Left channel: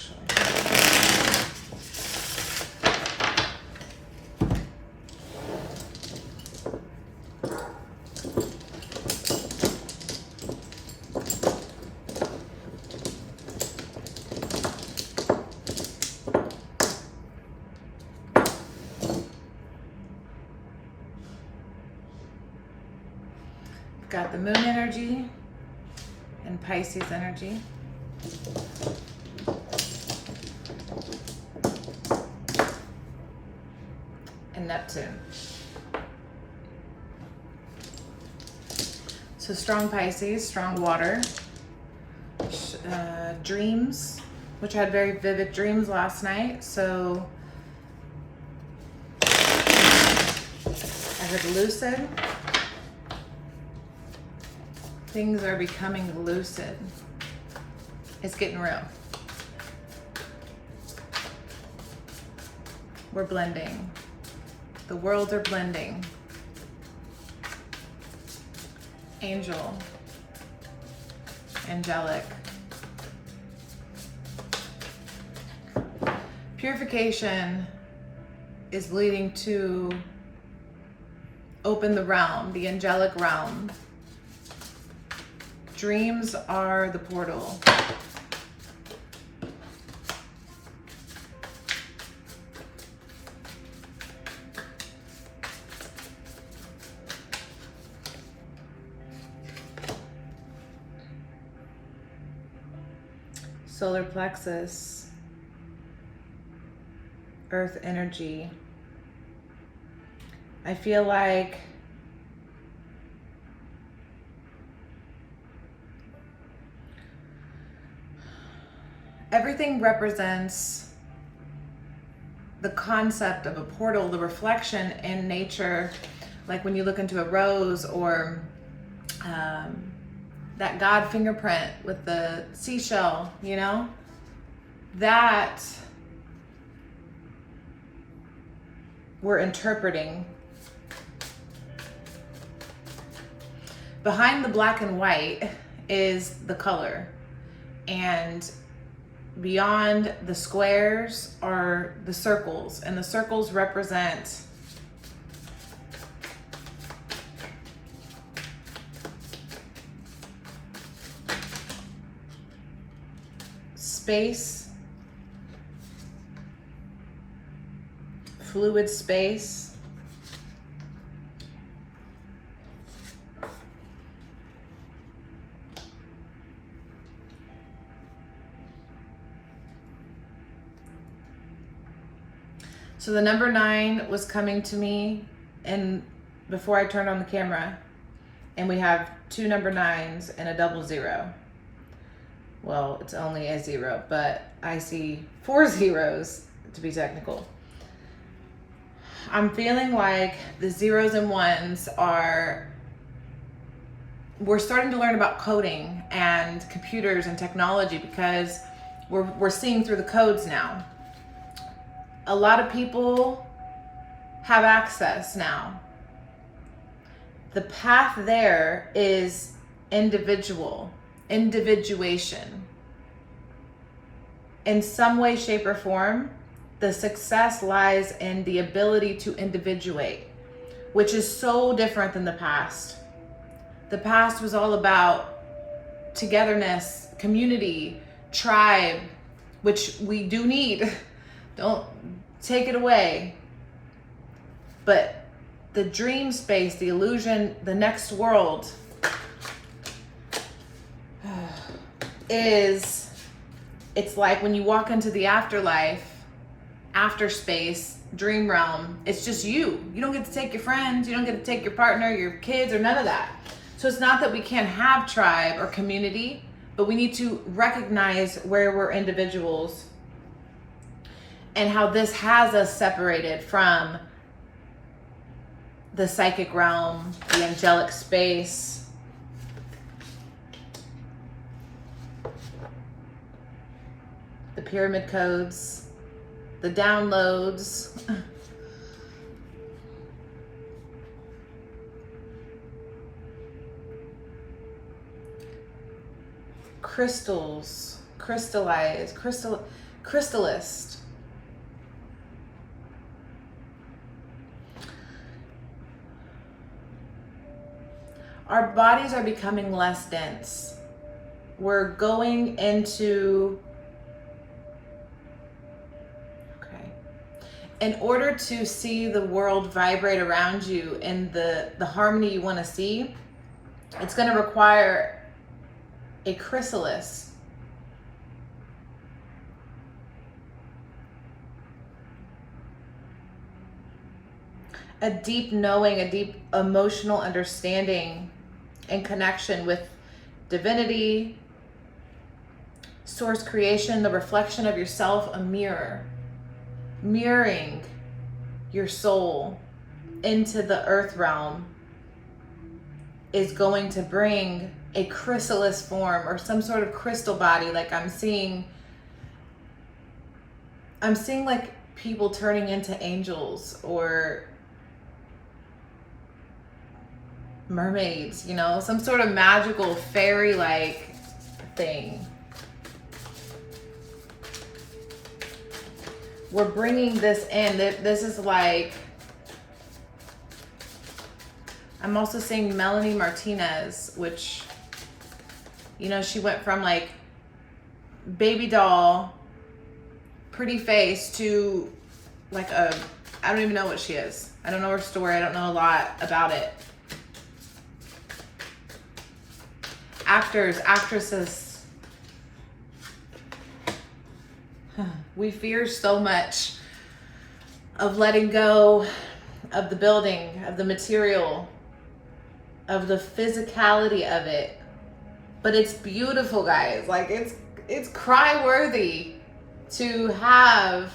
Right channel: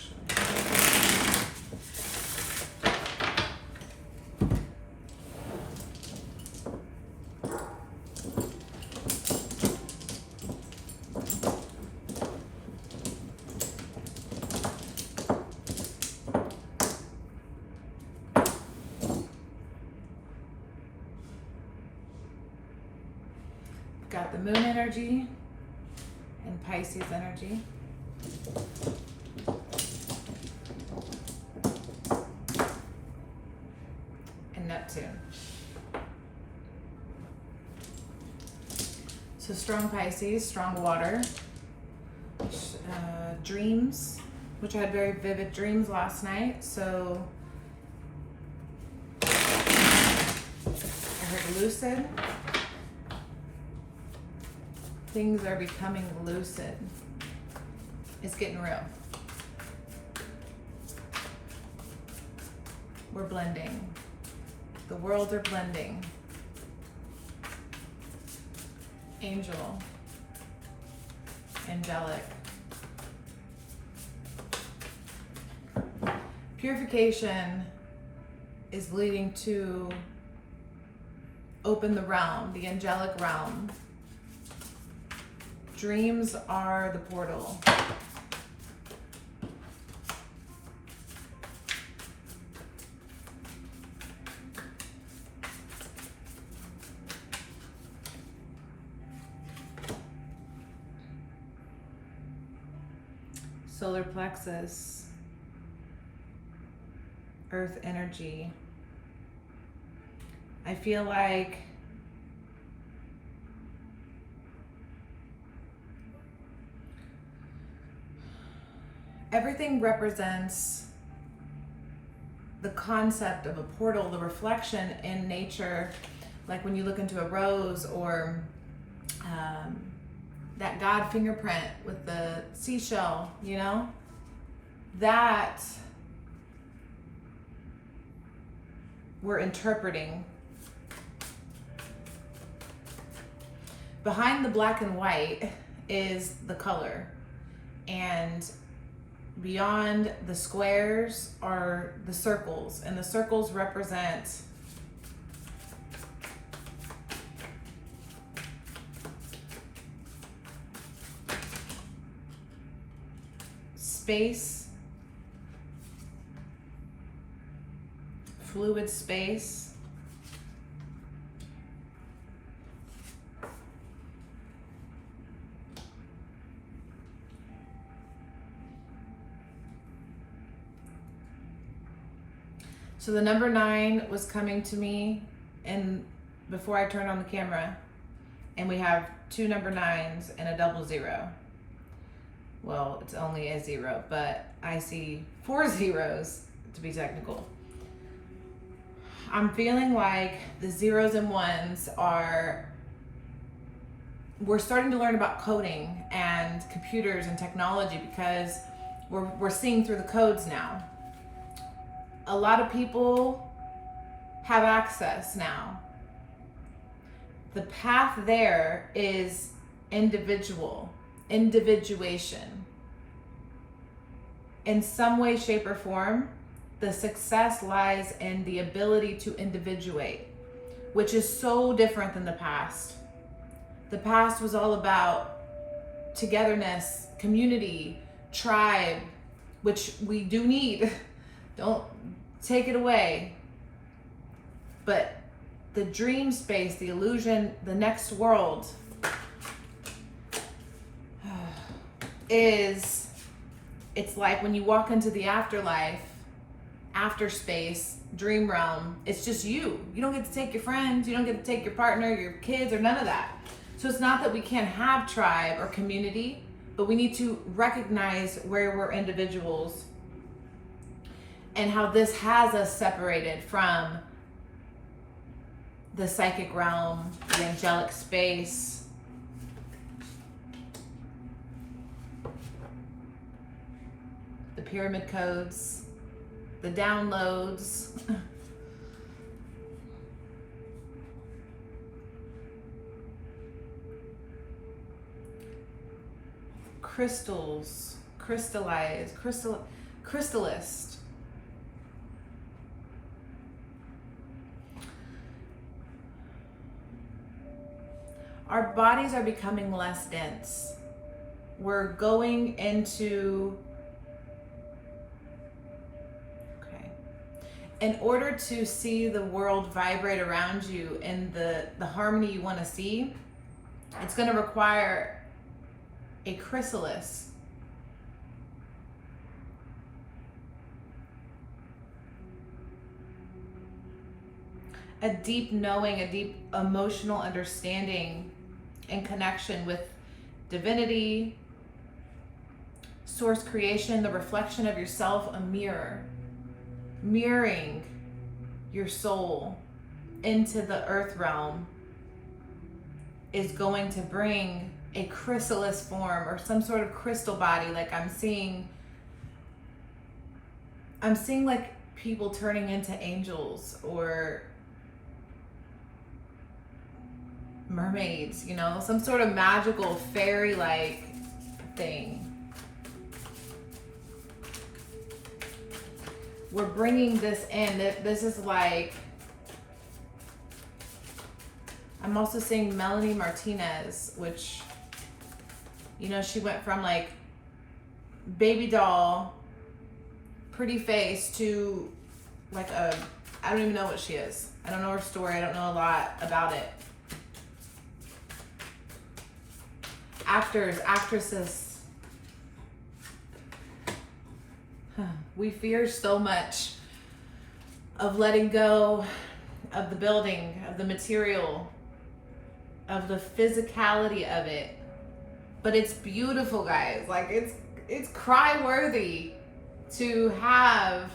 actually. Got the moon energy and Pisces energy. And Neptune. So strong Pisces, strong water. Dreams, which I had very vivid dreams last night. So I heard lucid. Things are becoming lucid. It's getting real. We're blending. The worlds are blending. Angel. Angelic. Purification is leading to open the realm, the angelic realm. Dreams are the portal. Solar plexus, earth energy. I feel like everything represents the concept of a portal, the reflection in nature, like when you look into a rose, or that God fingerprint with the seashell, you know, that we're interpreting. Behind the black and white is the color, and beyond the squares are the circles, and the circles represent space, fluid space, so the number 9 was coming to me, and before I turned on the camera, and we have 2 number 9s and a double 0. Well, it's only a 0, but I see 4 zeros to be technical. I'm feeling like the 0s and 1s we're starting to learn about coding and computers and technology, because we're seeing through the codes now. A lot of people have access now. The path there is individuation. In some way, shape, or form, the success lies in the ability to individuate, which is so different than the past. The past was all about togetherness, community, tribe, which we do need. Don't take it away. But the dream space, the illusion, the next world it's like when you walk into the afterlife, after space, dream realm, it's just you. You don't get to take your friends, you don't get to take your partner, your kids, or none of that. So it's not that we can't have tribe or community, but we need to recognize where we're individuals and how this has us separated from the psychic realm, the angelic space. The pyramid codes, the downloads. Crystals, crystal. Crystallist. Our bodies are becoming less dense. We're going into, in order to see the world vibrate around you in the harmony you want to see, it's going to require a chrysalis. A deep knowing, a deep emotional understanding and connection with divinity, source creation, the reflection of yourself, a mirror. Mirroring your soul into the earth realm is going to bring a chrysalis form or some sort of crystal body. Like I'm seeing like people turning into angels or mermaids, you know, some sort of magical fairy-like thing. We're bringing this in. This is like, I'm also seeing Melanie Martinez, which, you know, she went from like baby doll, pretty face to like I don't even know what she is. I don't know her story. I don't know a lot about it. Actors, actresses. We fear so much of letting go of the building, of the material, of the physicality of it. But it's beautiful, guys. Like it's cry worthy to have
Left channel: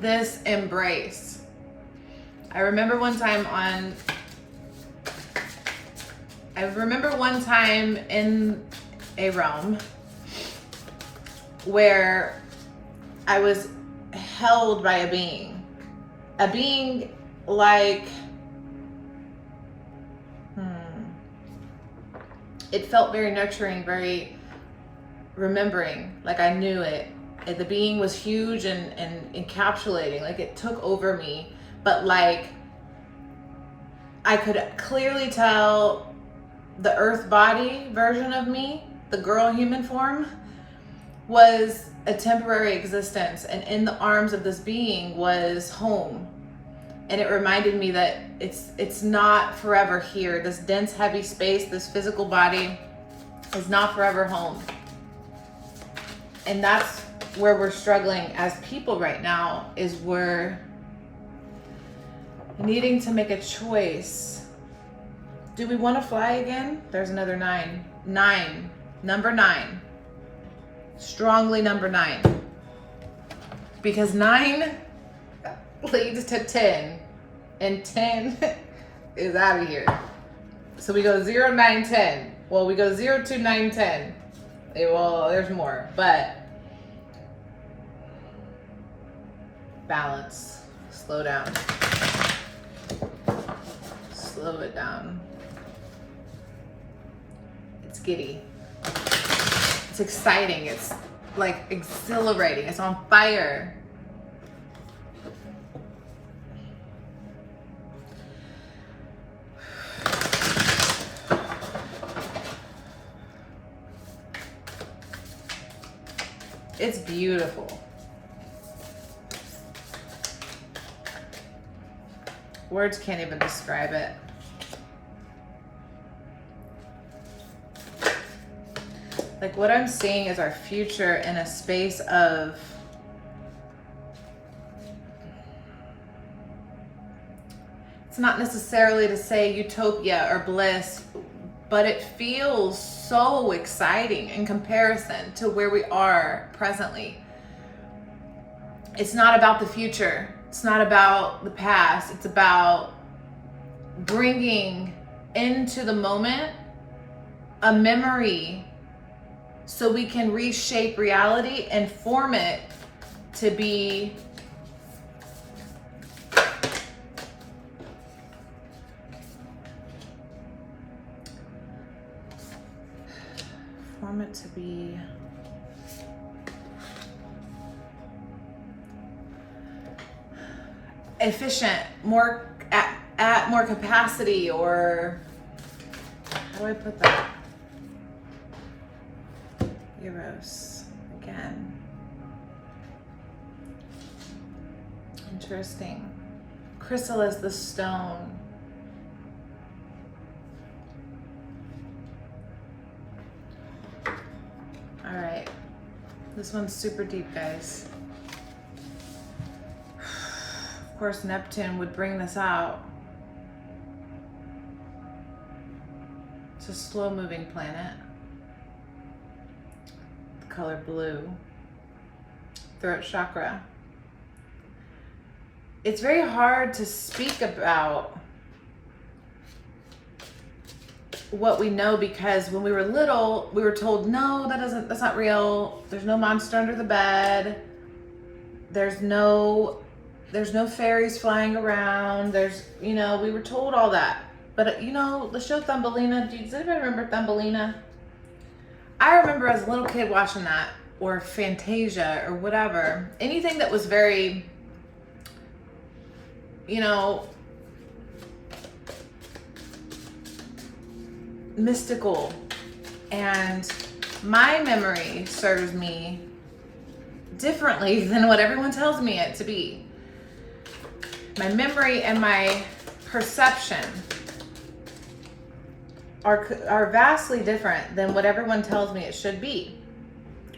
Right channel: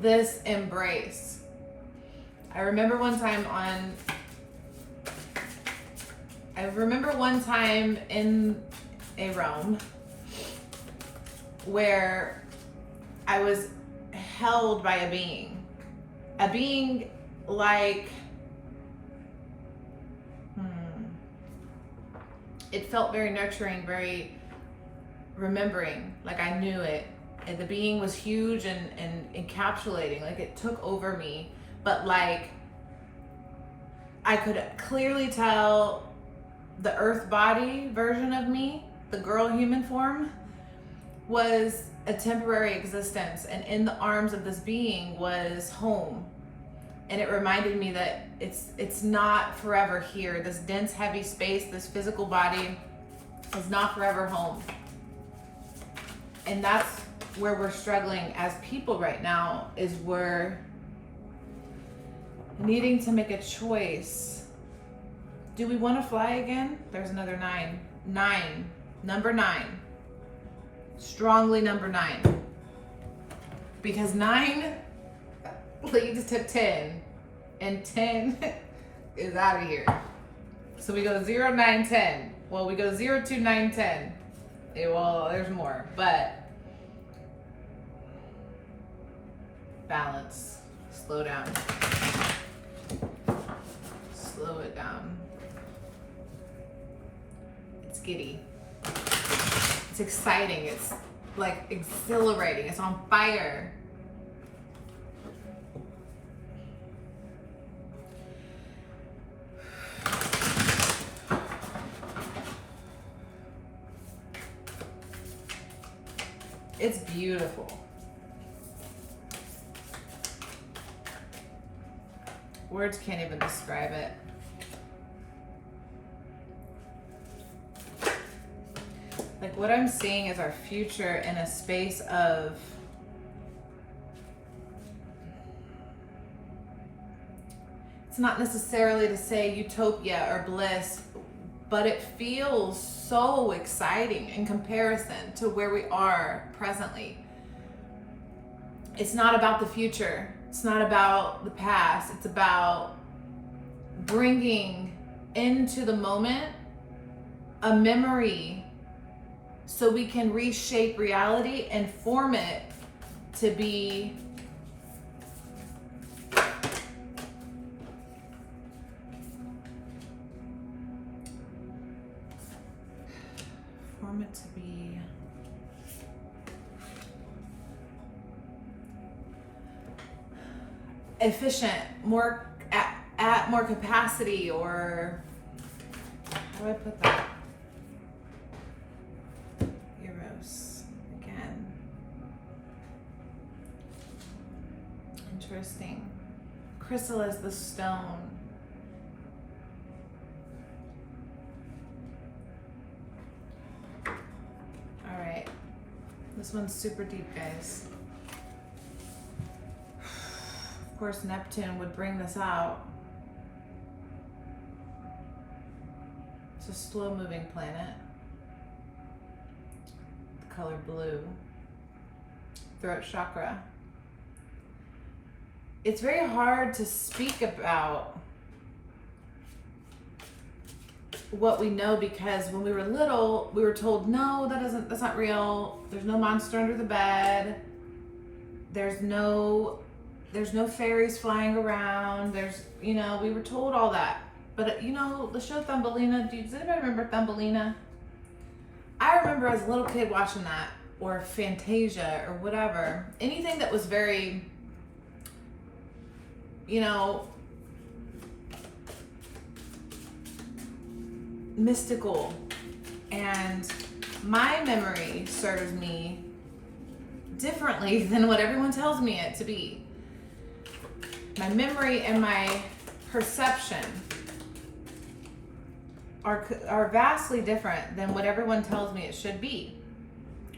this embrace. I remember one time in a realm where I was held by a being like, it felt very nurturing, very remembering, like I knew it. And the being was huge and encapsulating, like it took over me, but like I could clearly tell the earth body version of me, the girl human form, was a temporary existence, and in the arms of this being was home. And it reminded me that it's not forever here. This dense, heavy space, this physical body is not forever home. And that's where we're struggling as people right now, is we're needing to make a choice. Do we want to fly again? There's another 9. 9. Number 9. Strongly number 9. Because 9 leads to 10. And 10 is out of here. So we go 0, 9, 10. Well, we go 0, 2, 9, 10. Well, there's more. But balance. Slow down. Slow it down. It's giddy. It's exciting. It's like exhilarating. It's on fire. It's beautiful. Words can't even describe it. Like what I'm seeing is our future in a space of it's not necessarily to say utopia or bliss, but it feels so exciting in comparison to where we are presently. It's not about the future. It's not about the past. It's about bringing into the moment a memory so we can reshape reality and form it to be form it to be efficient, more at more capacity, or how do I put that? Eros again. Interesting. Crystal is the stone. All right. This one's super deep, guys. Of course, Neptune would bring this out. It's a slow-moving planet. The color blue. Throat chakra. It's very hard to speak about what we know, because when we were little, we were told, no, that's not real. There's no monster under the bed. There's no fairies flying around. We were told all that. But the show Thumbelina, does anybody remember Thumbelina? I remember as a little kid watching that, or Fantasia, or whatever. Anything that was very, mystical. And my memory serves me differently than what everyone tells me it to be. My memory and my perception are vastly different than what everyone tells me it should be,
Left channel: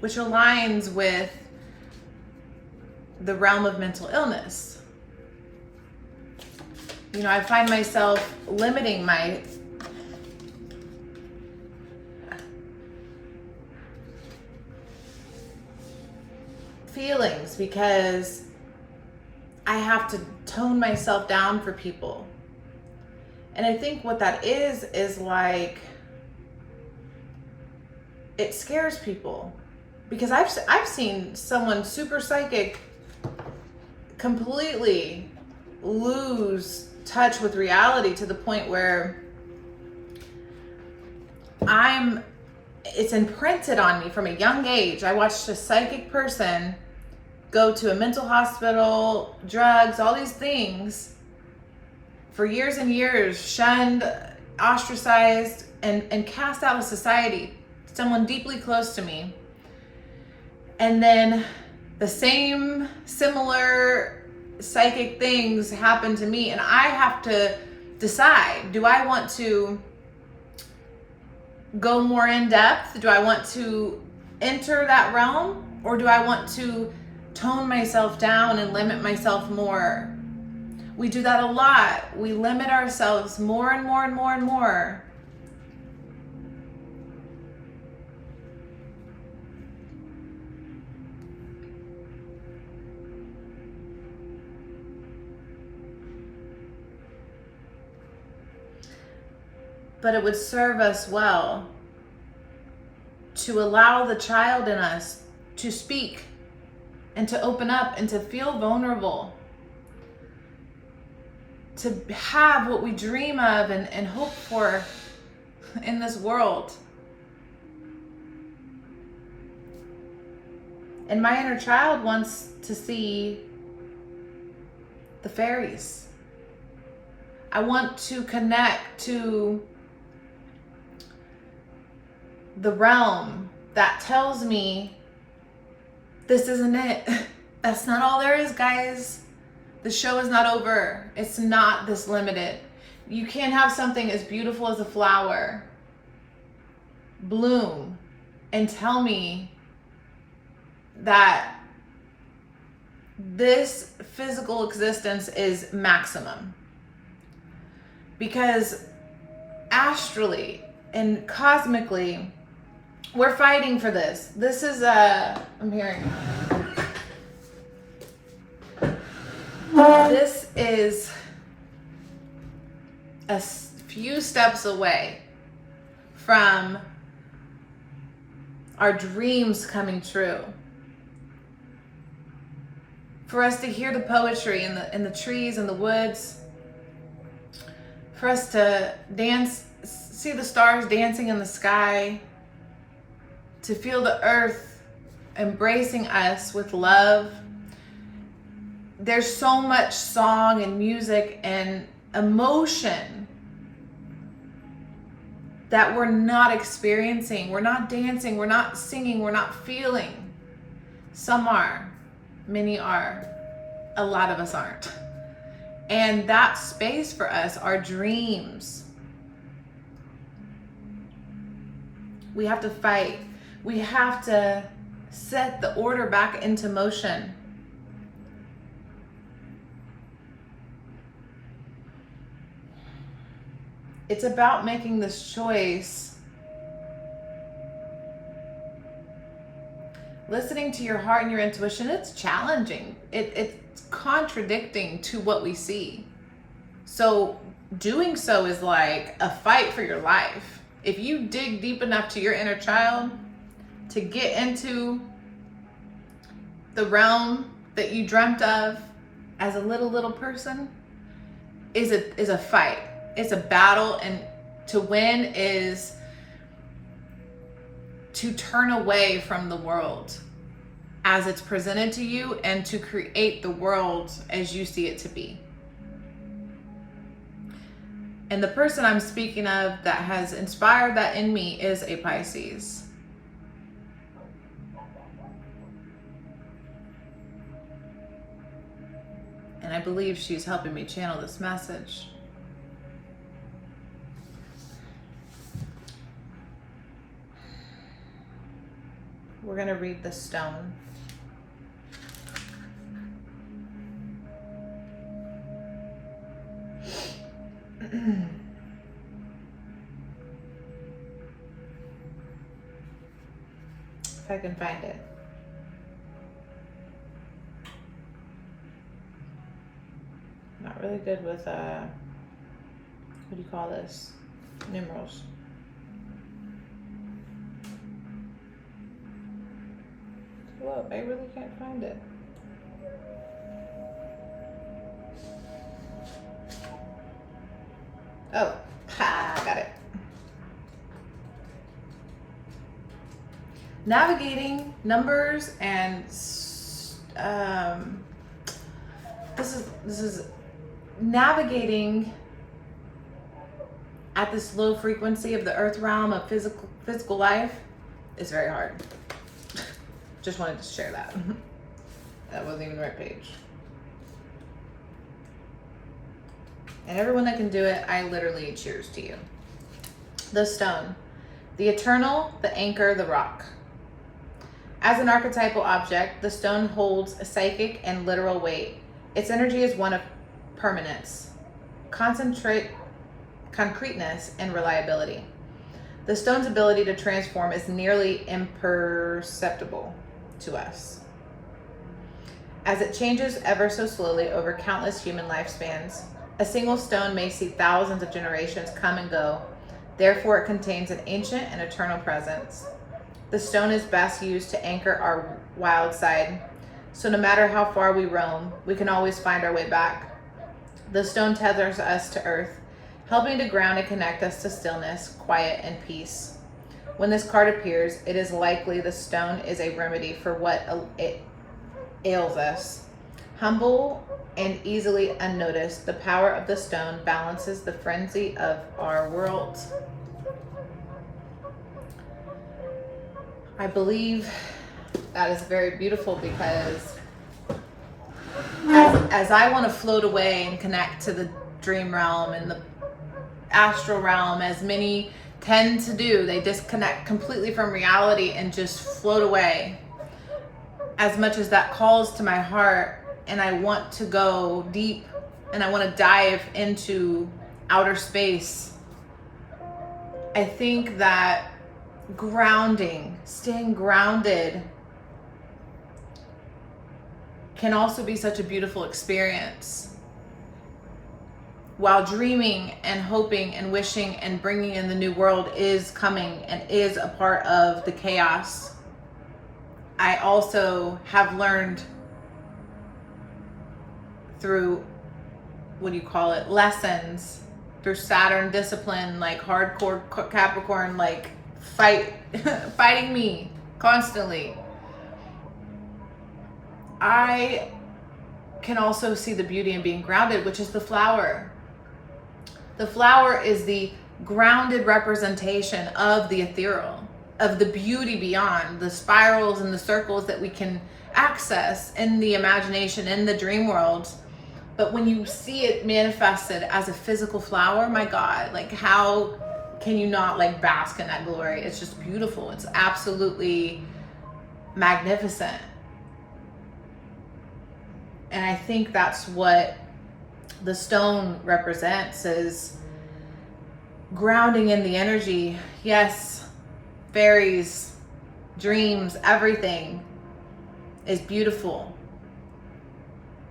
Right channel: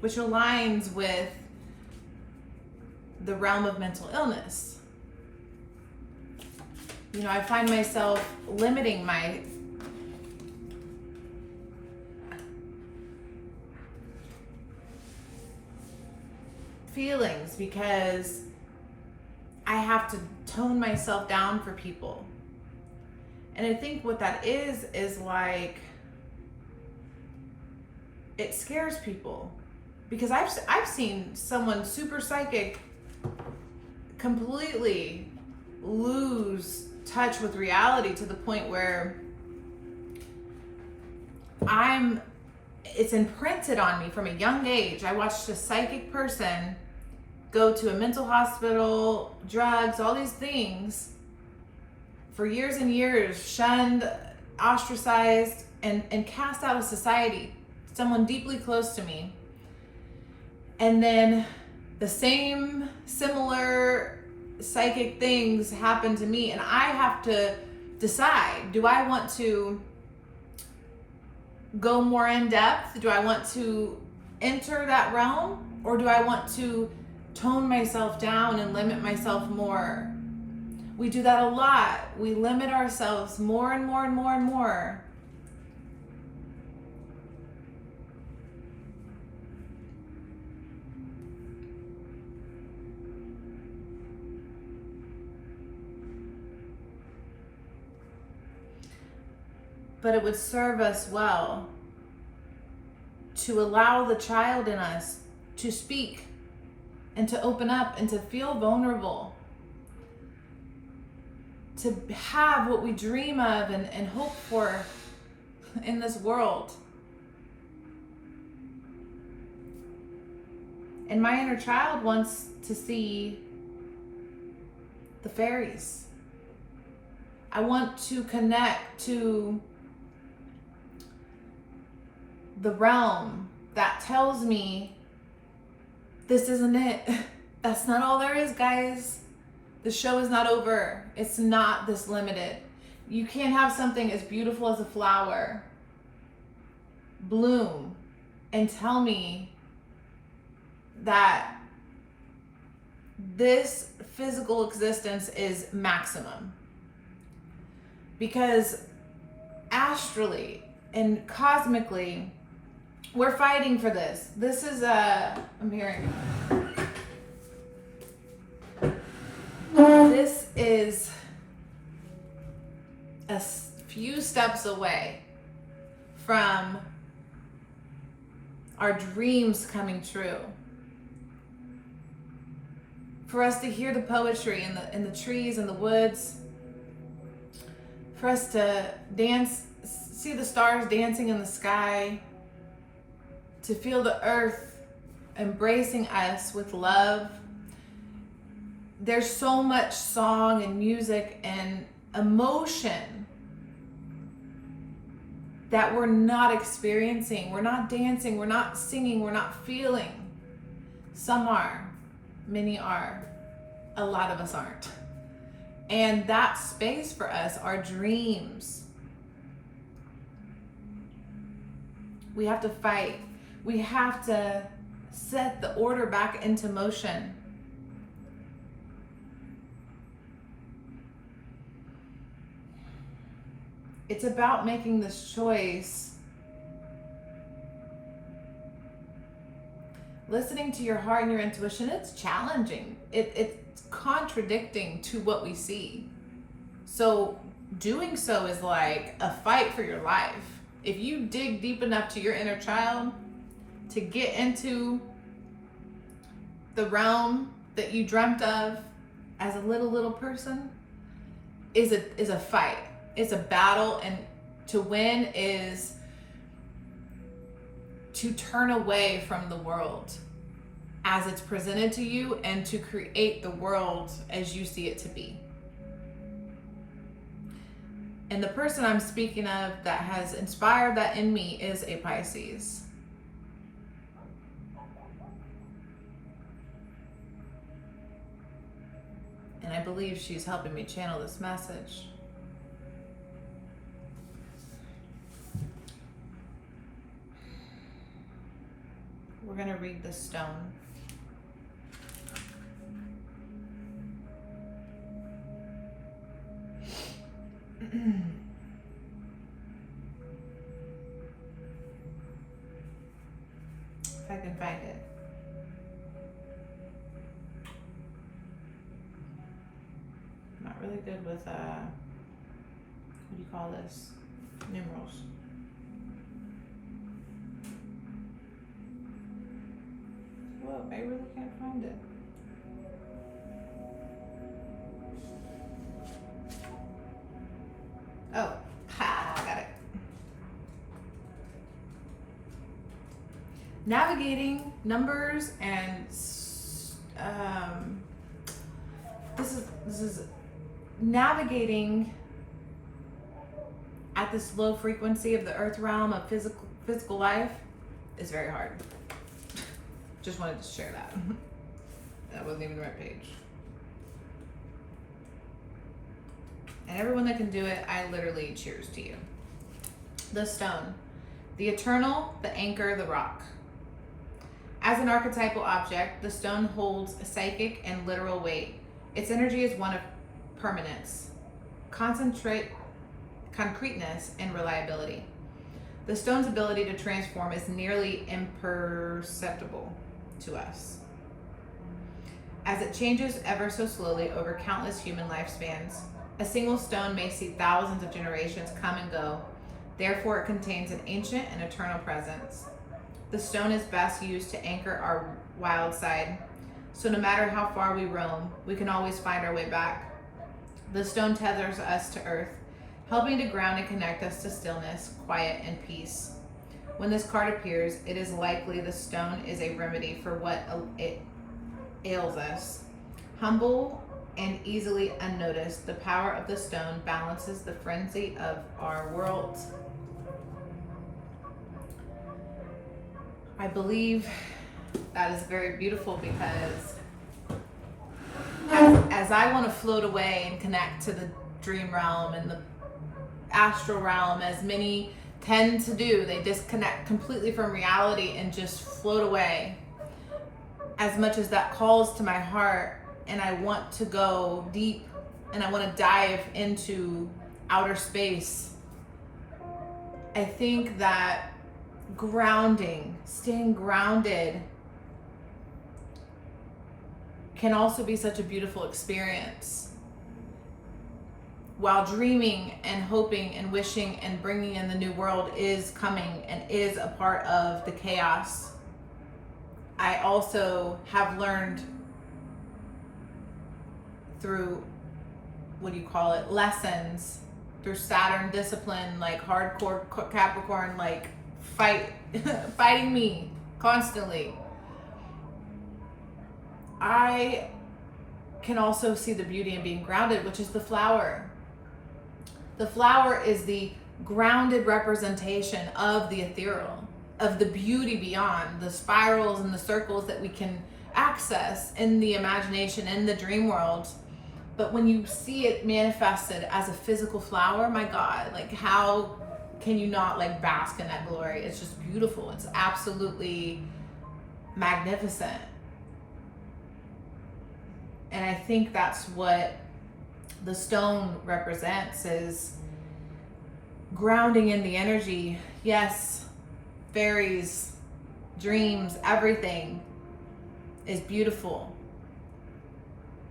which aligns with the realm of mental illness. I find myself limiting my feelings because I have to tone myself down for people. And I think what that is like, it scares people, because I've seen someone super psychic completely lose touch with reality to the point where it's imprinted on me from a young age. I watched a psychic person go to a mental hospital, drugs, all these things for years and years, shunned, ostracized, and cast out of society. Someone deeply close to me. And then the same similar psychic things happen to me, and I have to decide, do I want to go more in depth? Do I want to enter that realm, or do I want to tone myself down and limit myself more? We do that a lot. We limit ourselves more and more and more and more. But it would serve us well to allow the child in us to speak and to open up and to feel vulnerable, to have what we dream of and hope for in this world. And my inner child wants to see the fairies. I want to connect to the realm that tells me this isn't it. That's not all there is, guys. The show is not over. It's not this limited. You can't have something as beautiful as a flower bloom and tell me that this physical existence is maximum. Because astrally and cosmically, we're fighting for this. This is I'm hearing. This is a few steps away from our dreams coming true. For us to hear the poetry in the trees and the woods, for us to dance, see the stars dancing in the sky, to feel the earth embracing us with love. There's so much song and music and emotion that we're not experiencing. We're not dancing, we're not singing, we're not feeling. Some are, many are, a lot of us aren't. And that space for us are dreams. We have to fight. We have to set the order back into motion. It's about making this choice. Listening to your heart and your intuition, it's challenging. It's contradicting to what we see. So doing so is like a fight for your life. If you dig deep enough to your inner child to get into the realm that you dreamt of as a little person, is a fight. It's a battle, and to win is to turn away from the world as it's presented to you and to create the world as you see it to be. And the person I'm speaking of that has inspired that in me is a Pisces. And I believe she's helping me channel this message. We're going to read the stone. If I can find it. Not really good with, what do you call this? Numerals. Whoa, I really can't find it. Oh, ha, got it. Navigating numbers and this is navigating at this low frequency of the earth realm of physical life is very hard. Just wanted to share that. That wasn't even the right page. And everyone that can do it, I literally cheers to you. The stone, the eternal, the anchor, the rock. As an archetypal object, the stone holds a psychic and literal weight. Its energy is one of permanence, concreteness, and reliability. The stone's ability to transform is nearly imperceptible to us, as it changes ever so slowly over countless human lifespans. A single stone may see thousands of generations come and go. Therefore, it contains an ancient and eternal presence. The stone is best used to anchor our wild side, so no matter how far we roam, we can always find our way back. The stone tethers us to earth, helping to ground and connect us to stillness, quiet, and peace. When this card appears, it is likely the stone is a remedy for what it ails us. Humble and easily unnoticed, the power of the stone balances the frenzy of our world. I believe that is very beautiful, because as I want to float away and connect to the dream realm and the astral realm, as many tend to do, they disconnect completely from reality and just float away. As much as that calls to my heart, and I want to go deep and I want to dive into outer space, I think that staying grounded can also be such a beautiful experience. While dreaming and hoping and wishing and bringing in the new world is coming and is a part of the chaos, I also have learned through, lessons, through Saturn discipline, like hardcore Capricorn, like fighting me constantly. I can also see the beauty in being grounded, which is the flower. The flower is the grounded representation of the ethereal, of the beauty beyond, the spirals and the circles that we can access in the imagination, in the dream world. But when you see it manifested as a physical flower, my God, like how can you not like bask in that glory? It's just beautiful. It's absolutely magnificent. And I think that's what the stone represents, is grounding in the energy. Yes, fairies, dreams, everything is beautiful.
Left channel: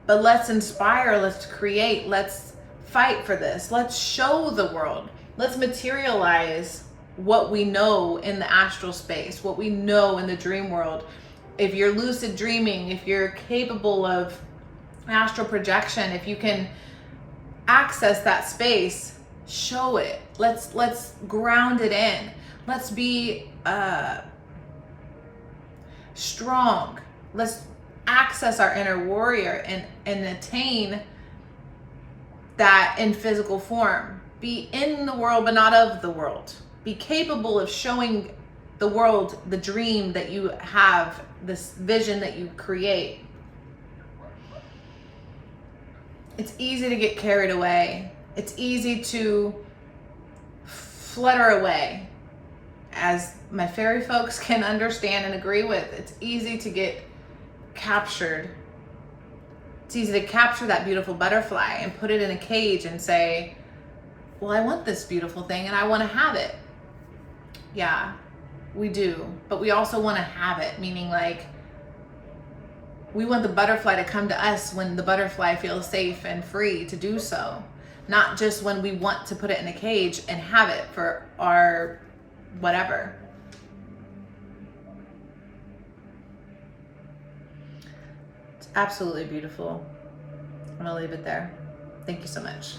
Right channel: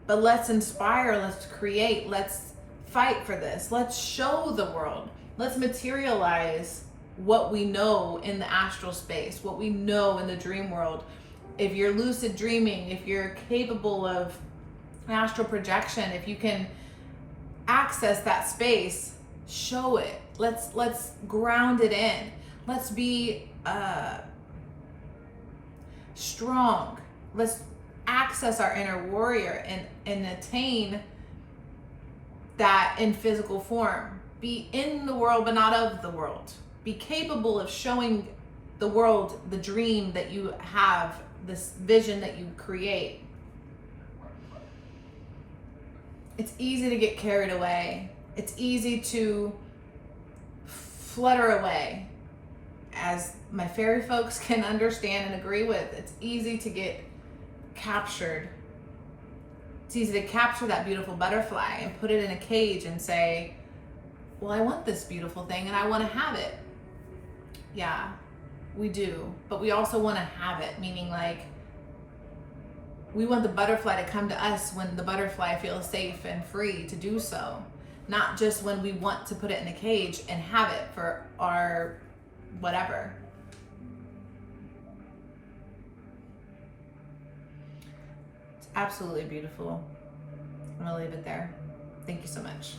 But let's inspire, let's create, let's fight for this. Let's show the world. Let's materialize what we know in the astral space, what we know in the dream world. If you're lucid dreaming, if you're capable of astral projection, if you can access that space, show it. Let's ground it in. Let's be strong. Let's access our inner warrior and attain that in physical form. Be in the world, but not of the world. Be capable of showing the world the dream that you have, this vision that you create. It's easy to get carried away. It's easy to flutter away. As my fairy folks can understand and agree with, it's easy to get captured. It's easy to capture that beautiful butterfly and put it in a cage and say, well, I want this beautiful thing and I want to have it. Yeah, we do. But we also want to have it, meaning like we want the butterfly to come to us when the butterfly feels safe and free to do so. Not just when we want to put it in a cage and have it for our whatever. It's absolutely beautiful. I'm gonna leave it there. Thank you so much.